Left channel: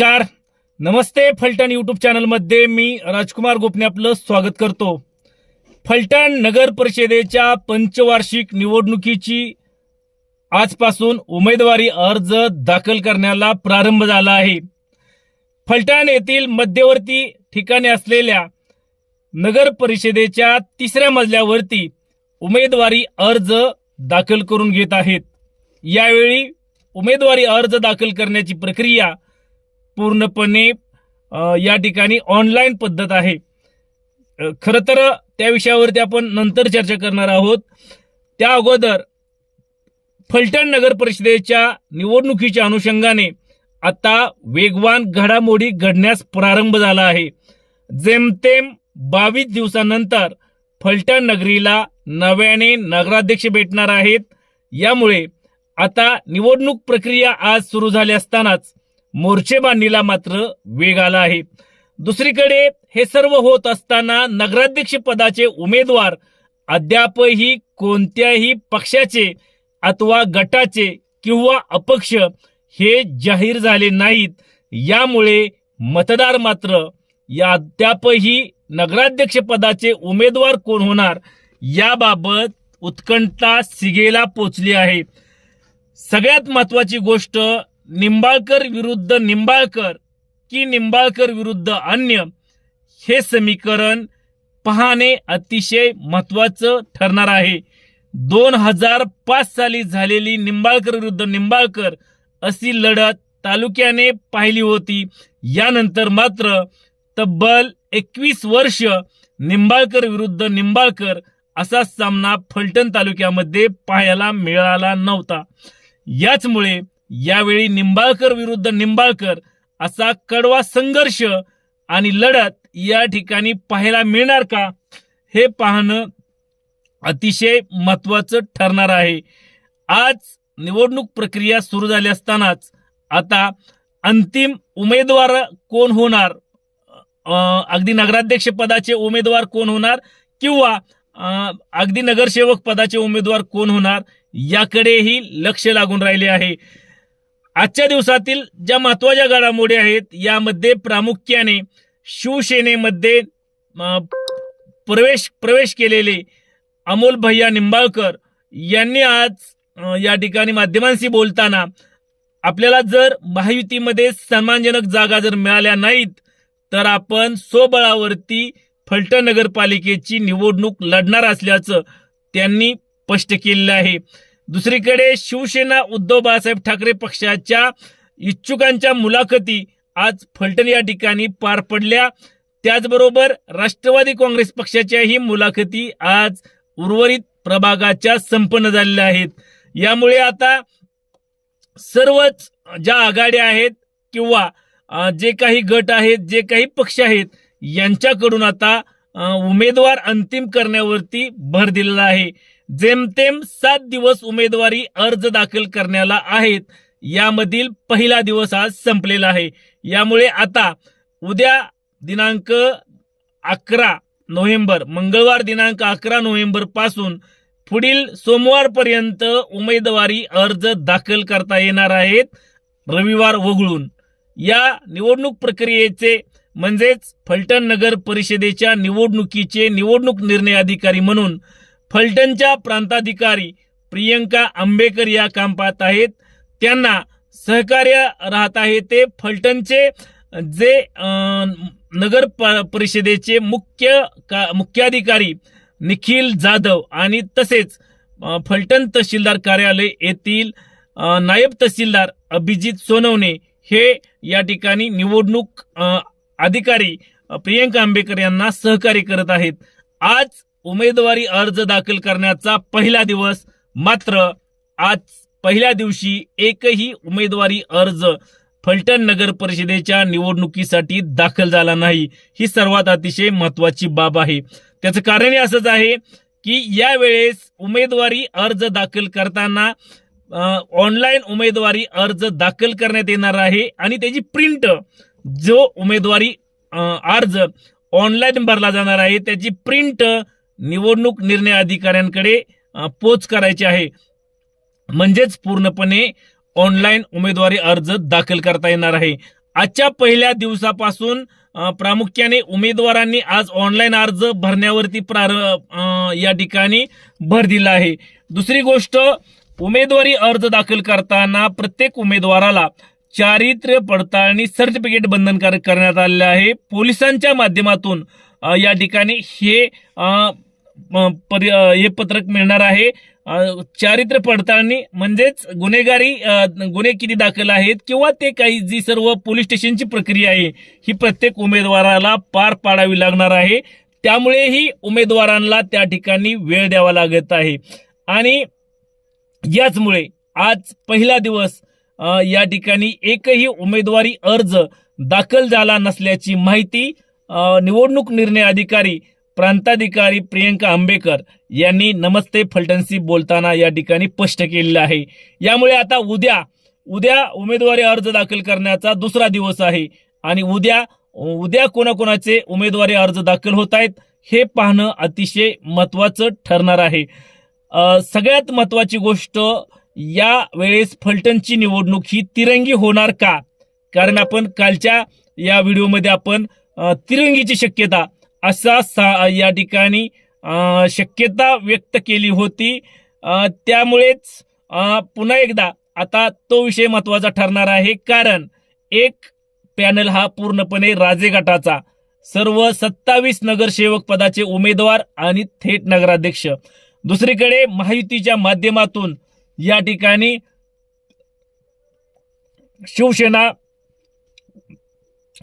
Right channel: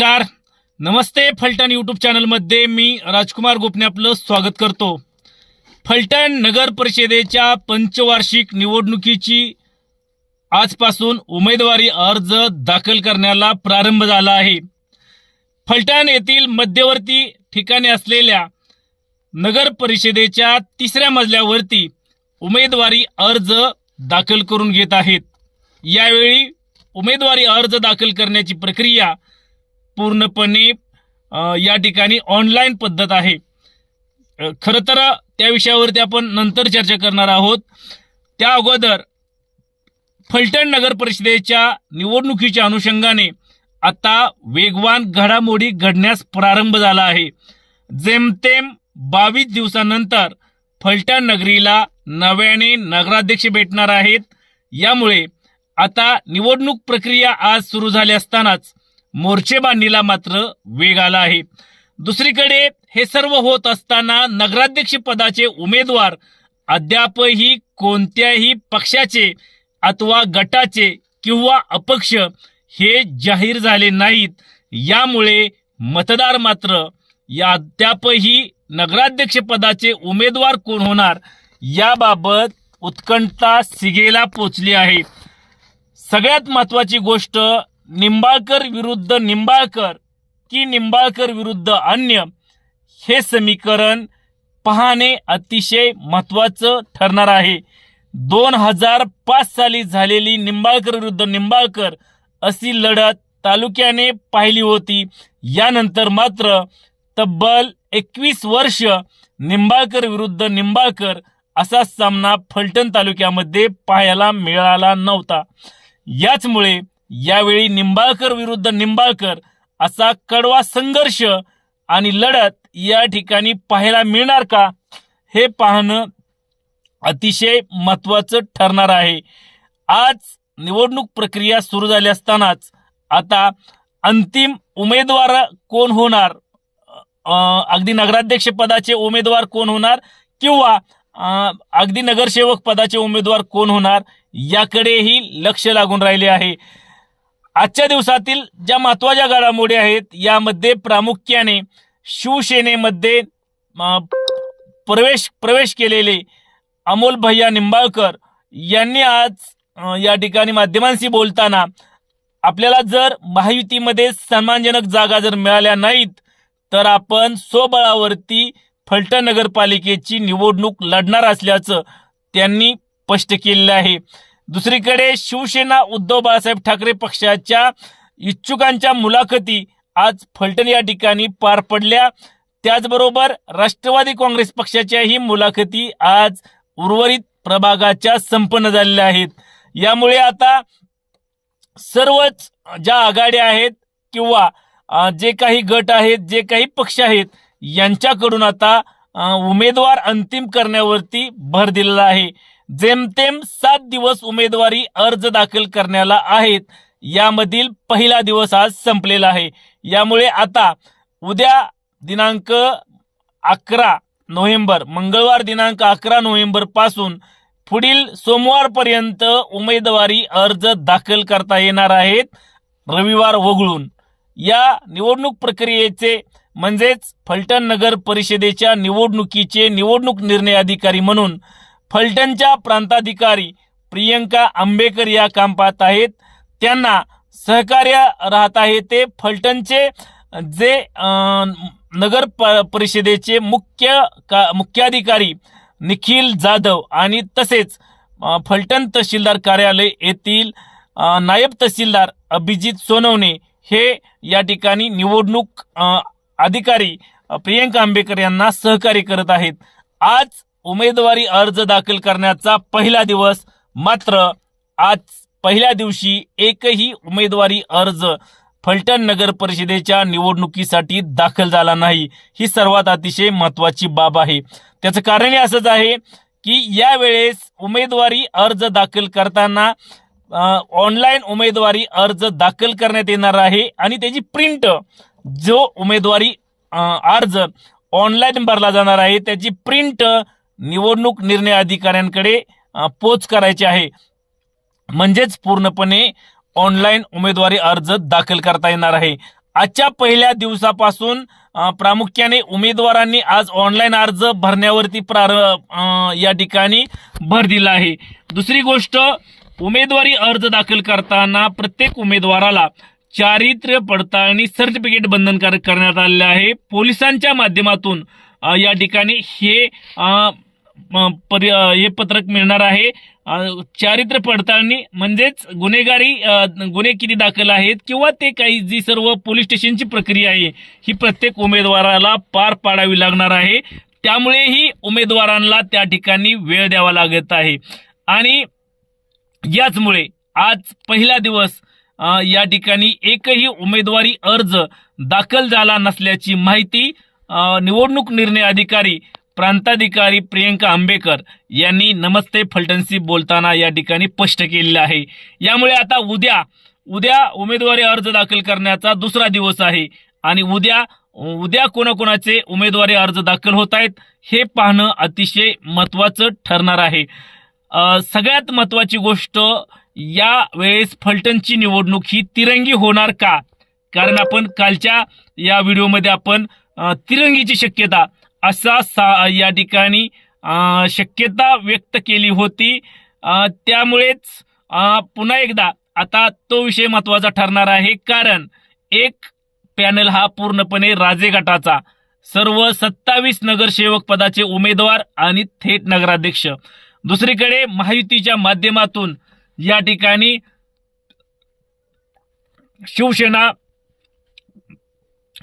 नमस्कार. नमस्ते फलटण यूट्यूब चॅनलमध्ये मी राजकुमार गोपने आपलं स्वागत करतो. फलटण नगर परिषदेच्या पंचवार्षिक निवडणुकीची आजपासून उमेदवारी अर्ज दाखल करण्याला प्रारंभ झाला आहे. फलटण येथील मध्यवर्ती ठिकाणी असलेल्या नगर परिषदेच्या तिसऱ्या मजल्यावरती उमेदवारी अर्ज दाखल करून घेत आहेत. यावेळी उमेदवारी अर्ज दाखल करण्याची प्रक्रिया पूर्णपणे या ठिकाणी ऑनलाईन पद्धत आहे. खरं तर त्या विषयावरती आपण नंतर चर्चा करणार आहोत. त्या अगोदर फलटण नगर परिषदेच्या निवडणुकीच्या अनुषंगाने आता वेगवान घडामोडी घडण्यास प्रारंभ झाला आहे. जेमतेम बावीस दिवसानंतर फलटण नगरीला नव्याने नगराध्यक्ष भेटणार आहेत. यामुळे आता निवडणूक प्रक्रिया आज सुरू झाली असतानाच मोर्चेबांधणीला मात्र वेग आला आहे. दुसरीकडे हे सर्व होत असताना नगराध्यक्ष पदाचे उमेदवार अद्यापही कोणत्याही पक्षाचे अथवा गटाचे किंवा अपक्ष हे जाहीर झाले नाहीत. यामुळे मतदार मात्र या अद्यापही नगराध्यक्ष पदाचे उमेदवार कोण होणार याबाबत उत्कंठा सिगेला पोचली आहे. सगळ्यात महत्वाची गोष्ट निंबाळकर विरुद्ध निंबाळकर की निंबाळकर विरुद्ध अन्य हे समीकरण पाहणे अतिशय महत्वाचं ठरणार आहे. दोन हजार पाच साली झालेली निंबाळकर विरुद्ध निंबाळकर अशी लढत तालुक्याने पाहिली होती. यानंतर मात्र तब्बल एकवीस वर्ष निंबाळकर विरुद्ध निंबाळकर असा सामना फलटण तालुक्यामध्ये पाहायला मिळाला नव्हता. याचमुळे यावेळी निंबाळकर विरुद्ध निंबाळकर असा कडवा संघर्ष आणि लढत या ठिकाणी पाहायला मिळणार का हे पाहणं अतिशय महत्वाचं ठरणार आहे. आज निवडणूक प्रक्रिया सुरू झाली असतानाच आता अंतिम उमेदवार कोण होणार? अगदी नगराध्यक्ष पदाचे उमेदवार कोण होणार किंवा अगदी नगरसेवक पदाचे उमेदवार कोण होणार याकडेही लक्ष लागून राहिले आहे. आजच्या दिवसातील ज्या महत्त्वाच्या घडामोडी आहेत यामध्ये प्रामुख्याने शिवसेनेमध्ये प्रवेश प्रवेश केलेले अमोल भैया निंबाळकर यांनी आज या ठिकाणी माध्यमांशी बोलताना आपल्याला जर महायुतीमध्ये सन्मानजनक जागा जर मिळाल्या नाहीत तर आपण स्वबळावरती फलटण नगरपालिकेची निवडणूक लढणार असल्याचं त्यांनी स्पष्ट केलेलं आहे. दुसरीकडे शिवसेना उद्धव बाळासाहेब ठाकरे पक्षाच्या इच्छुकांच्या मुलाखती आज फलटण या ठिकाणी पार पडल्या. त्याचबरोबर राष्ट्रवादी काँग्रेस पक्षाच्याही मुलाखती आज उर्वरित प्रभागाच्या संपन्न झालेल्या आहेत. यामुळे आता सर्वच ज्या आघाड्या आहेत किंवा जे काही गट आहेत जे काही पक्ष आहेत यांच्याकडून आता उमेदवार अंतिम करण्यावरती भर दिलेला आहे. जेमतेम सात दिवस उमेदवारी अर्ज दाखल करण्याला आहेत यामधील पहिला दिवस आज संपलेला आहे. यामुळे आता उद्या दिनांक अकरा नोव्हेंबर मंगळवार दिनांक अकरा नोव्हेंबरपासून पुढील सोमवारपर्यंत उमेदवारी अर्ज दाखल करता येणार आहेत रविवार वगळून. या निवडणूक प्रक्रियेचे म्हणजेच फलटण नगर परिषदेच्या निवडणुकीचे निवडणूक निर्णय अधिकारी म्हणून फलटणच्या प्रांताधिकारी प्रियंका आंबेकर या काम पाहत आहेत. त्यांना सहकार्य राहत आहे ते फलटणचे जे नगर प- परिषदेचे मुख्य का मुख्याधिकारी निखिल जाधव आणि तसेच फलटण तहसीलदार कार्यालय येथील नायब तहसीलदार अभिजित सोनवणे हे या ठिकाणी निवडणूक अधिकारी प्रियंका आंबेकर यांना सहकार्य करत आहेत. आज उमेदवारी अर्ज दाखल करण्याचा पहिला दिवस मात्र आज पहिल्या दिवशी एकही उमेदवारी अर्ज फलटण नगर परिषदेच्या निवडणुकीसाठी दाखल झाला नाही. ही सर्वात अतिशय महत्वाची बाब आहे. त्याचं कारण असंच आहे की यावेळेस उमेदवारी अर्ज दाखल करताना ऑनलाईन उमेदवारी अर्ज दाखल करण्यात येणार आहे आणि त्याची प्रिंट जो उमेदवारी अर्ज ऑनलाईन भरला जाणार आहे त्याची प्रिंट निवडणूक निर्णय अधिकाऱ्यांकडे पोच करायची आहे. म्हणजेच पूर्णपणे ऑनलाईन उमेदवारी अर्ज दाखल करता येणार आहे. आजच्या पहिल्या दिवसापासून प्रामुख्याने उमेदवारांनी आज ऑनलाईन अर्ज भरण्यावरती प्रार या ठिकाणी भर दिला आहे. दुसरी गोष्ट उमेदवारी अर्ज दाखल करताना प्रत्येक उमेदवाराला चारित्र्य पडताळणी सर्टिफिकेट बंधनकारक करण्यात आलेलं आहे. पोलिसांच्या माध्यमातून या ठिकाणी हे परि- हे पत्रक मिळणार आहे. चारित्र्य पडताळणी म्हणजेच गुन्हेगारी गुन्हे किती दाखल आहेत किंवा ते काही जी सर्व पोलीस स्टेशनची प्रक्रिया आहे ही प्रत्येक उमेदवाराला पार पाडावी लागणार आहे. त्यामुळेही उमेदवारांना त्या ठिकाणी वेळ द्यावा लागत आहे. आणि याचमुळे आज पहिला दिवस या ठिकाणी एकही उमेदवारी अर्ज दाखल झाला नसल्याची माहिती निवडणूक निर्णय अधिकारी प्रांताधिकारी प्रियंका आंबेकर यांनी नमस्ते फलटणशी बोलताना या ठिकाणी स्पष्ट केलेलं आहे. यामुळे आता उद्या उद्या उमेदवारी अर्ज दाखल करण्याचा दुसरा दिवस आहे आणि उद्या उद्या कोणाकोणाचे उमेदवारी अर्ज दाखल होत आहेत हे पाहणं अतिशय महत्त्वाचं ठरणार आहे. सगळ्यात महत्त्वाची गोष्ट या वेळेस फलटणची निवडणूक ही तिरंगी होणार का? कारण आपण कालच्या या व्हिडिओमध्ये आपण तिरंगीची शक्यता असा सा या ठिकाणी शक्यता व्यक्त केली होती. त्यामुळेच पुन्हा एकदा आता तो विषय महत्त्वाचा ठरणार आहे. कारण एक पॅनल हा पूर्णपणे राजे गटाचा सर्व सत्तावीस नगरसेवक पदाचे उमेदवार आणि थेट नगराध्यक्ष. दुसरीकडे महायुतीच्या माध्यमातून या ठिकाणी शिवसेना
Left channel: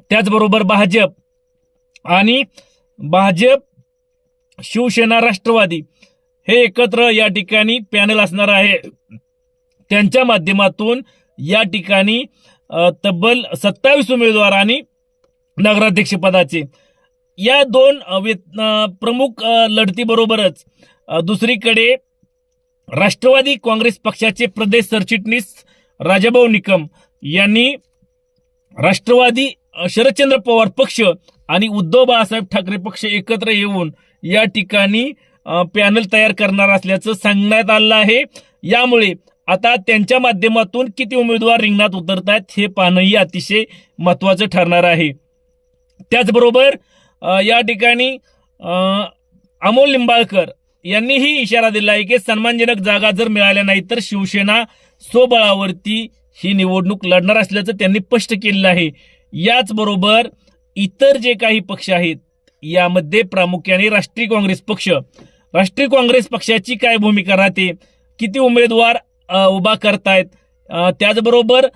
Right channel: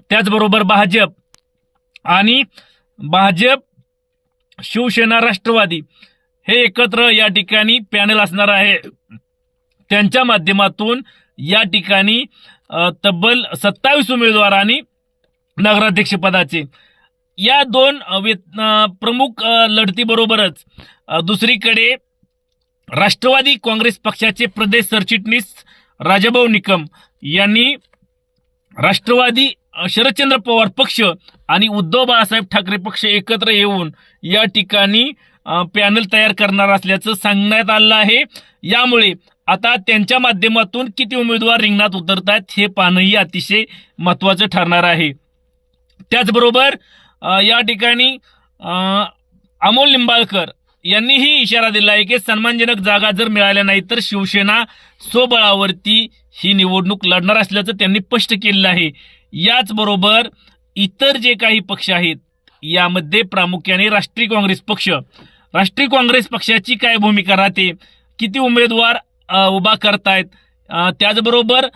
त्याचबरोबर भाजप आणि भाजप शिवसेना राष्ट्रवादी हे एकत्र या ठिकाणी पॅनल असणार आहे. त्यांच्या माध्यमातून या ठिकाणी तब्बल सत्तावीस उमेदवार आणि नगराध्यक्षपदाचे या दोन प्रमुख लढतीबरोबरच दुसरीकडे राष्ट्रवादी काँग्रेस पक्षाचे प्रदेश सरचिटणीस राजाभाऊ निकम यांनी राष्ट्रवादी शरदचंद्र पवार पक्ष आणि उद्धव बाळासाहेब ठाकरे पक्ष एकत्र येऊन या ठिकाणी पॅनल तयार करणार असल्याचं सांगण्यात आलं आहे. यामुळे आता त्यांच्या माध्यमातून किती उमेदवार रिंगणात उतरतात हे पाहणंही अतिशय महत्वाचं ठरणार आहे. त्याचबरोबर या ठिकाणी अमोल लिंबाळकर यांनीही इशारा दिला आहे की सन्मानजनक जागा जर मिळाल्या नाही तर शिवसेना स्वबळावरती ही निवडणूक लढणार असल्याचं त्यांनी स्पष्ट केलेलं आहे. याचबरोबर इतर जे काही पक्ष आहेत यामध्ये प्रामुख्याने राष्ट्रीय काँग्रेस पक्ष. राष्ट्रीय काँग्रेस पक्षाची काय भूमिका राहते? किती उमेदवार उभा करतायत? त्याचबरोबर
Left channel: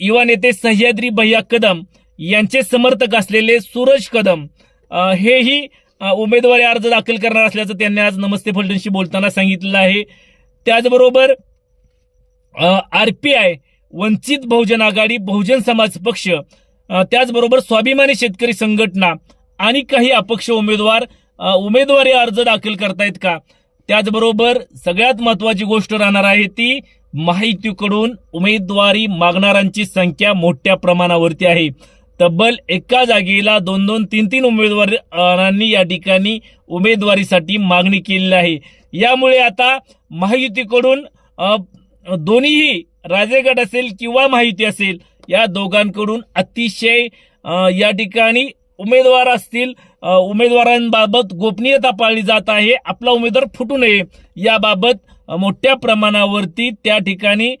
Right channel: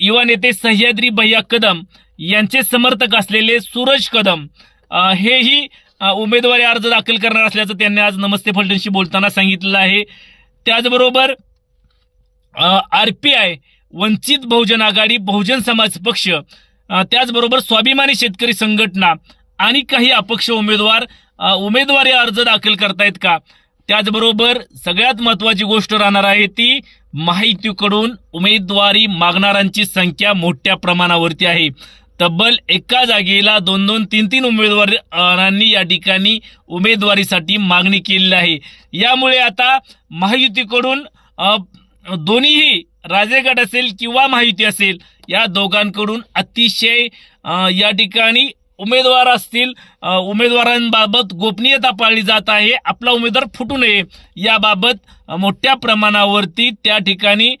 युवा नेते सह्याद्री भैया कदम यांचे समर्थक असलेले सूरज कदम हेही उमेदवारी अर्ज दाखल करणार असल्याचं त्यांनी आज नमस्ते फलटणशी बोलताना सांगितलं आहे. त्याचबरोबर R P I Vanchit Bahujan Aghadi Bahujan Samaj Paksha त्याचबरोबर स्वाभिमानी शेतकरी संघटना आणि काही अपक्ष उमेदवार उमेदवारी अर्ज दाखल करतायत का? त्याचबरोबर सगळ्यात महत्वाची गोष्ट राहणार आहे ती माहितीकडून उमेदवारी मागणाऱ्यांची संख्या मोठ्या प्रमाणावरती आहे. तब्बल एका जागेला दोन दोन तीन तीन उमेदवारांनी या ठिकाणी उमेदवारीसाठी मागणी केलेली आहे. यामुळे आता महायुतीकडून दोन्हीही राजेगड असेल किंवा माहिती असेल या दोघांकडून अतिशय या ठिकाणी उमेदवार असतील. उमेदवारांबाबत गोपनीयता पाळली जात आहे. आपला उमेदवार फुटू नये याबाबत मोठ्या प्रमाणावरती त्या ठिकाणी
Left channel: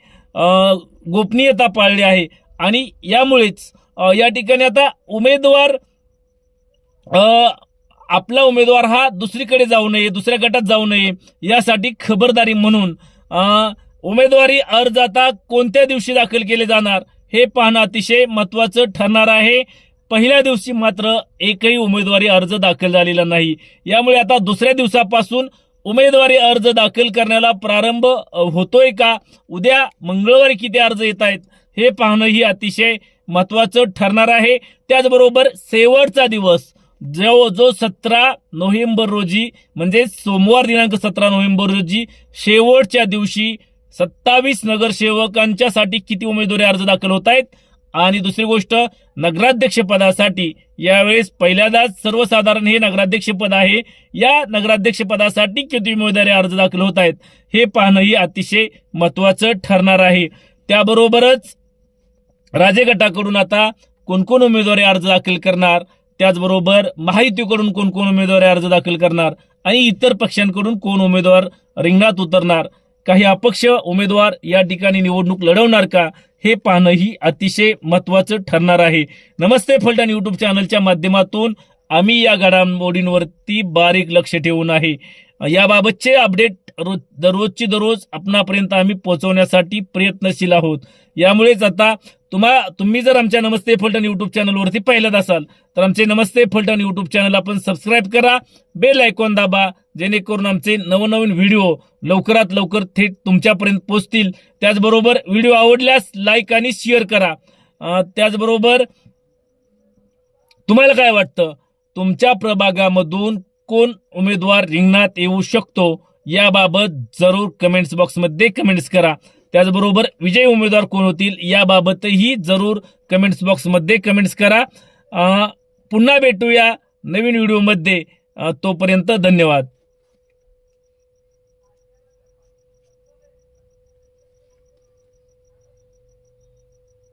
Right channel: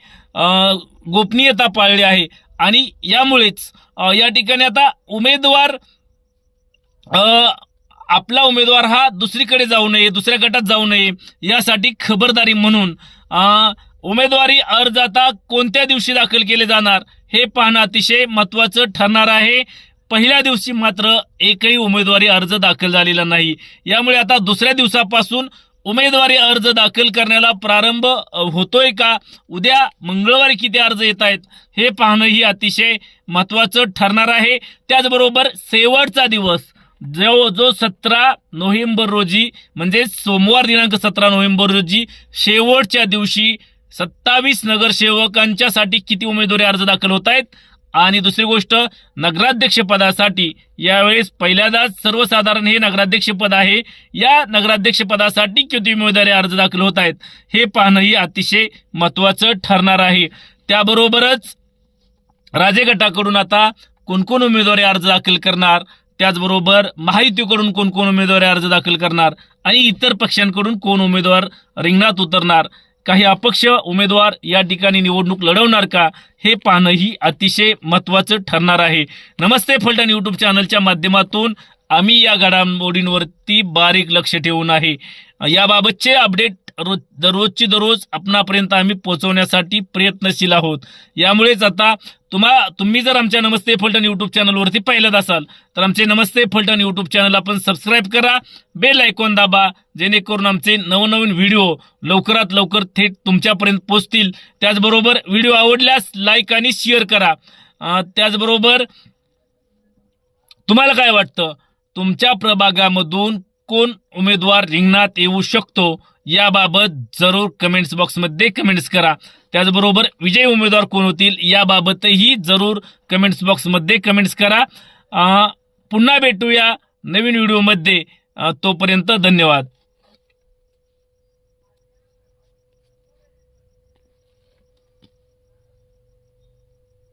गोपनीयता पाळली आहे. आणि यामुळेच या ठिकाणी आता उमेदवार आपला उमेदवार हा दुसरीकडे जाऊ नये दुसऱ्या गटात जाऊ नये यासाठी खबरदारी म्हणून उमेदवारी अर्ज आता कोणत्या दिवशी दाखल केले जाणार? हे पाहणं अतिशय महत्वाचं ठरणार आहे. पहिल्या दिवशी मात्र एकही उमेदवारी अर्ज दाखल झालेला नाही. यामुळे आता दुसऱ्या दिवसापासून उमेदवारी अर्ज दाखल करण्याला प्रारंभ होतोय का? उद्या मंगळवारी किती अर्ज येत आहेत? हे पाहणंही अतिशय महत्वाचं ठरणार आहे. त्याचबरोबर शेवटचा दिवस जो जो सतरा नोव्हेंबर रोजी म्हणजे सोमवार दिनांक सतरा नोव्हेंबर रोजी शेवटच्या दिवशी सत्तावीस नगरसेवकांच्यासाठी किती उमेदवारी अर्ज दाखल होत आहेत आणि दुसरी गोष्ट नगराध्यक्ष पदासाठी यावेळेस पहिल्यांदाच सर्वसाधारण हे नगराध्यक्ष पद आहे. या नगराध्यक्ष पदासाठी किती उमेदवारी अर्ज दाखल होत आहेत हे पाहणंही अतिशय महत्वाचं ठरणार आहे. त्याबरोबरच राजे गटाकडून आता कोण कोण उमेदवारी अर्ज दाखल करणार? त्याचबरोबर महायुतीकडून कोण कोण उमेदवारी अर्ज दाखल करणार? आणि इतर पक्षांकडून कोण उमेदवार रिंगणात उतरणार? काही अपक्ष उमेदवार या ठिकाणी निवडणूक लढवणार का हे पाहणंही अतिशय महत्वाचं ठरणार आहे. नमस्ते फलटण यूट्यूब चॅनलच्या माध्यमातून आम्ही या घडामोडींवरती बारीक लक्ष ठेवून आहे. याबाबतचे अपडेट रोज दररोजची दररोज आपणापर्यंत आम्ही पोहोचवण्यासाठी प्रयत्नशील आहोत. यामुळेच आता तुम्हा तुम्ही जर आमच्या नमस्ते फलटण यूट्यूब चॅनलवरती पहिल्यात असाल तर आमचे नमस्ते फलटण यूट्यूब चॅनल आपण सबस्क्राईब करा बेल आयकॉन दाबा जेणेकरून आमचे नवनवीन व्हिडिओ लवकरात लवकर थेट तुमच्यापर्यंत पोहोचतील. त्याचबरोबर व्हिडिओ आवडल्यास लाईक आणि शेअर करा. त्याचबरोबर तुम्हाला काय वाटतं? तुमच्या प्रभागामधून कोण उमेदवार रिंगणात येऊ शकतो? याबाबत जरूर कमेंट्स बॉक्समध्ये कमेंट्स करा. त्याचबरोबर विजयी उमेदवार कोण होतील? याबाबतही जरूर कमेंट्स बॉक्समध्ये कमेंट्स करा. पुन्हा भेटूया नवीन व्हिडिओमध्ये. तोपर्यंत धन्यवाद.